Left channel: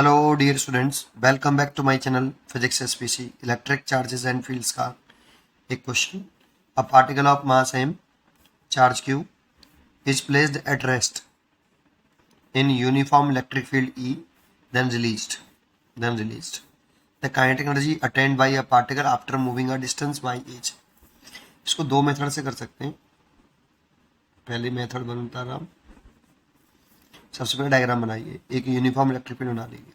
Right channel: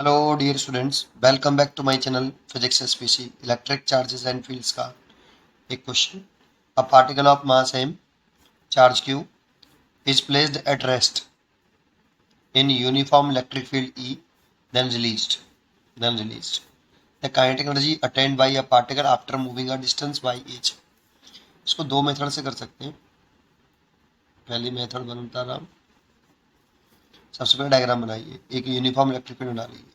Hello dear students, welcome back to my channel physics SPC. Electric charges and fields का एक क्वेश्चन। A particle of mass m charge q is placed at rest in uniform electric field E, then released the kinetic energy attained by a particle after moving a distance y h। इसको दो method से कर सकते हैं। पहली method बनता रहा, सबसे पहले डायग्राम बनाइए। एक यूनिफॉर्म इलेक्ट्रिक फील्ड बना लीजिए।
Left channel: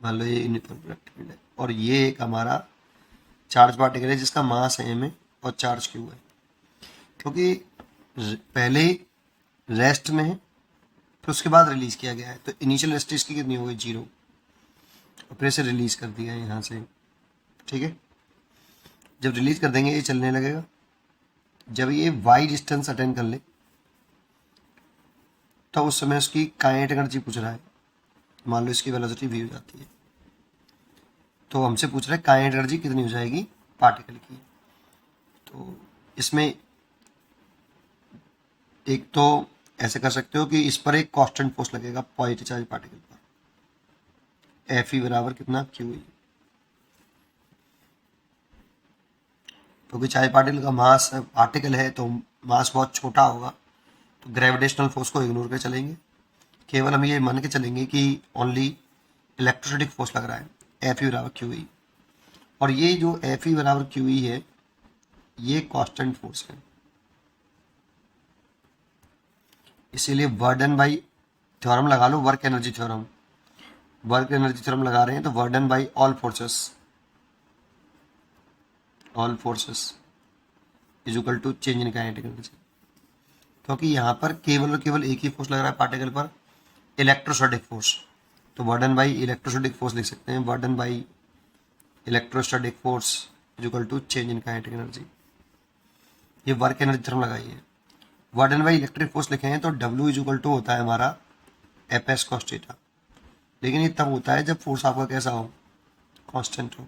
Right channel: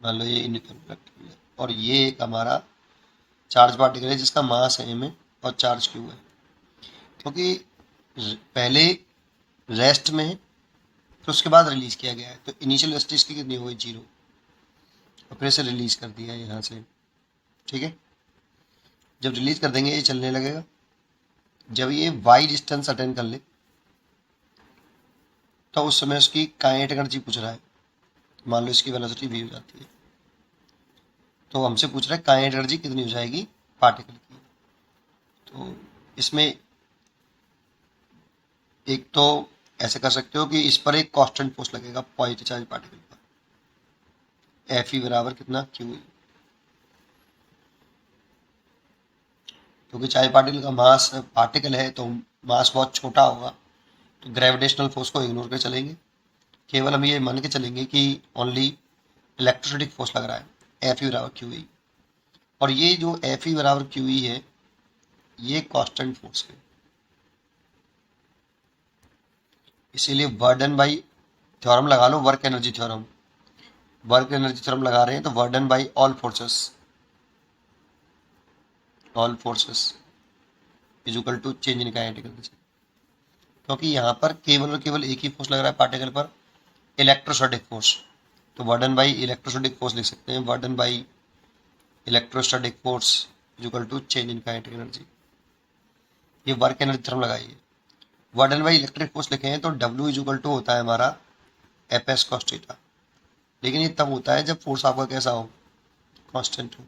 मान लो ये यूनिफॉर्म इलेक्ट्रिक फील्ड है और ये एक हमारा चार्ज पार्टिकल है जिसका मास m है और चार्ज q है। क्योंकि पहले रेस्ट में है फिर उसके बाद रिलीज किया गया है, तो इनिशियल रेस्ट इसकी कितनी हो गई, 0, और फिर इसे रिलीज कर दिया है यहाँ से। ठीक है, जब रिलीज कर देंगे ये चलने लगेगा। जब ये y डिस्टेंस अटेंड कर ले तो उस समय उसकी काइनेटिक एनर्जी पूछ रहा है। मान लो इसकी वेलोसिटी v हो जाती है, तो हमसे पूछ रहा है काइनेटिक एनर्जी कितनी हो जाएगी पार्टिकल की। तो इसमें एक तो ऐसे कर सकते हो कि इस पर एक कांस्टेंट फोर्स लगेगा पॉजिटिव चार्ज पार्टिकल पर, एफ ई बराबर कितना, क्यू ई। क्योंकि चार्ज पार्टिकल का मास पार्टिकल है तो मास बहुत छोटा होगा, तो ग्रेविटेशनल फोर्स को इग्नोर कर चलेंगे। केवल हम ये मान के चलेंगे कि ओनली इलेक्ट्रोस्टैटिक फोर्स लग रहा है, एफ ई बराबर क्यू ई। और ये जो एफ ई बराबर क्यू ई है ये कांस्टेंट फोर्स है, इसीलिए वर्डन बाई थ्योरम लगा लो, work energy theorem. Work energy theorem लगा रहे हैं तो work done by all forces is equal to change in kinetic energy. क्योंकि यहाँ पर केवल और केवल एक ही फोर्स लग रहा है पार्टिकल पर, इलेक्ट्रोस्टैटिक फोर्स। तो वर्डन बाई इलेक्ट्रोस्टैटिक फोर्स लिख सकते हैं, work done by electrostatic force is equal to change in kinetic energy. ये वर्क एनर्जी थ्योरम लगाइए। वर्डन बाई इलेक्ट्रिक फोर्स लिखे हैं तो डब्ल्यू इज इक्वल टू होता है हमारा एफ एस कॉस थीटा। लेकिन ये तब होता है जब फोर्स आपका कैसा हो, कांस्टेंट हो।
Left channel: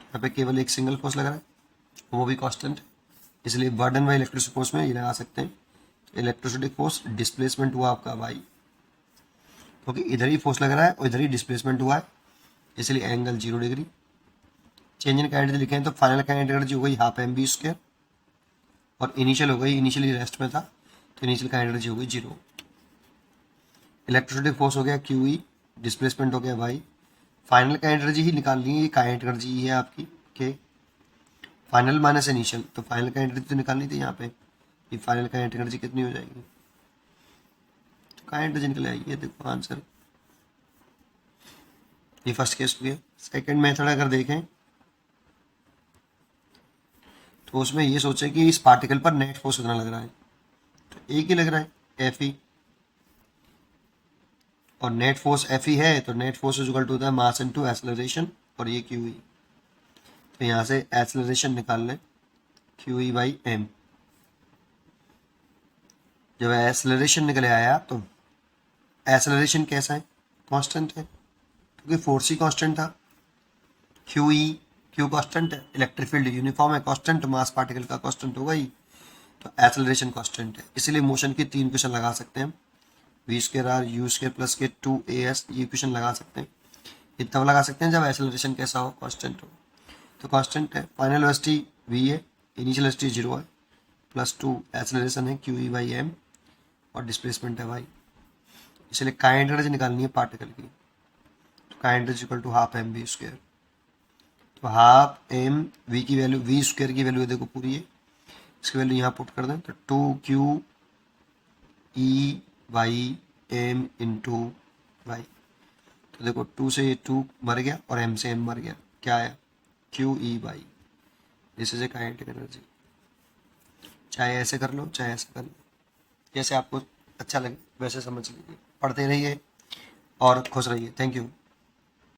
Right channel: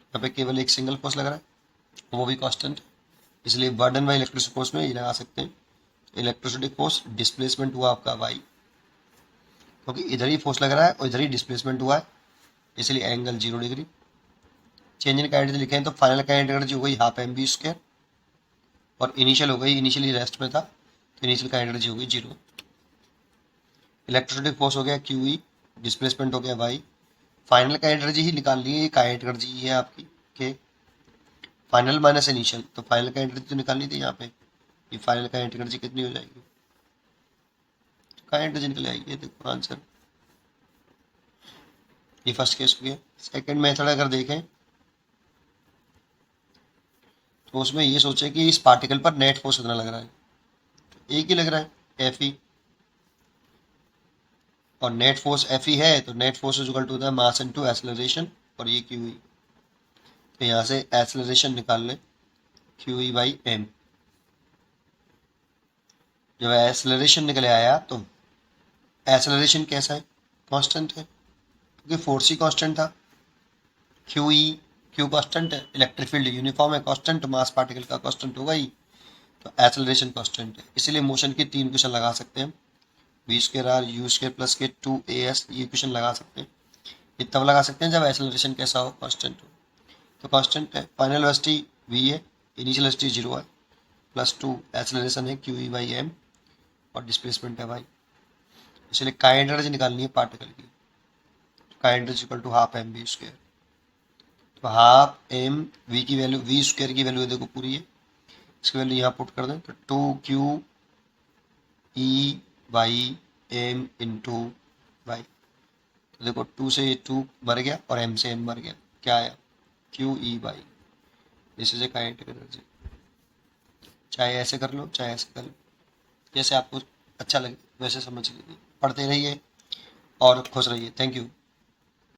यहाँ पे केवल एक सिंगल फोर्स लग रहा है, वो भी कांस्टेंट है, इसलिए वर्डन बाई इलेक्ट्रिक फोर्स में ये लगा सकते हैं। इलेक्ट्रोस्टैटिक फोर्स डिस्प्लेसमेंट हुआ आपका वाई, क्योंकि इधर ही फोर्स लग रहा है और इधर ही डिस्प्लेसमेंट हुआ है, इसलिए angle 0 degree. Change in kinetic लिखे हैं तो फाइनल काइनेटिक एनर्जी हो गई हाफ एम बी स्क्वायर, और इनिशियल हो गई, इनिशियली रेस्ट में था तो इनिशियल काइनेटिक एनर्जी हो गई 0। इलेक्ट्रोस्टैटिक फोर्स हो गया क्यू ई, डिस्प्लेसमेंट हो गया वाई। फाइनल काइनेटिक एनर्जी ही निकाल ली है, ये काइनेटिक एनर्जी है आपकी के फाइनल माइनस इनिशियल, तो फाइनल काइनेटिक एनर्जी तो निकालनी थी यहाँ पे। ये फाइनल काइनेटिक एनर्जी कितनी हो जाएगी, तो काइनेटिक एनर्जी निकल आएगी। ये देखो आंसर, ये फर्स्ट केस हो गया। सेकंड मेथड अगर देखें तो उसमें ये सोचे कि इस पार्टिकल पर नेट फोर्स कितना लग रहा है, तो एक ही लग रहा है, एफ ई। और नेट फोर्स एफ ई है तो net force is equal to होता है मास इनटू एक्सेलरेशन, और ये क्यू ई। तो यहाँ से एक्सेलरेशन निकाल लें, क्यू ई बाई एम। जब एक्सेलरेशन निकले आया तो एक्सेलरेशन कैसा है, कांस्टेंट है, क्योंकि फोर्स ही कांस्टेंट था। क्यू ई, क्यू कांस्टेंट है, इलेक्ट्रिक फील्ड यूनिफॉर्म है, कांस्टेंट, मास पार्टिकल का कांस्टेंट होगा ही, तो एक्सेलरेशन कांस्टेंट है। इसलिए मोशन की 3 इक्वेशन लगा सकते हैं, v square are u square plus के 2as, ये इक्वेशन लगा सकते हैं। ये तब लगा सकते हैं जब एक्सेलरेशन कैसा हो, कांस्टेंट हो। तो कांस्टेंट है, फाइनल वेलोसिटी v है, इनिशियल वेलोसिटी 0 है, +2 एक्सेलरेशन है क्यू ई बाई एम, और डिस्प्लेसमेंट है y। इसलिए काइनेटिक एनर्जी निकालनी है पार्टिकल की, तो kinetic energy equal to half m v square. तो हाफ एम वी की वैल्यू, वी स्क्वायर की वैल्यू देखो पूरी है, इसकी वैल्यू यहाँ पुट कर दें तो 2q E by m into y. तो देखो 2 से ये 2 मर गया और m से m मर गया, क्या आया, Q E by, this is a kinetic energy. चाहे ऐसे कर लो चाहे ऐसे कर लो, जैसे आपको अच्छा लगे वैसे समझ लीजिए। पढ़ते रहिए और खुश रहिए। Thank you.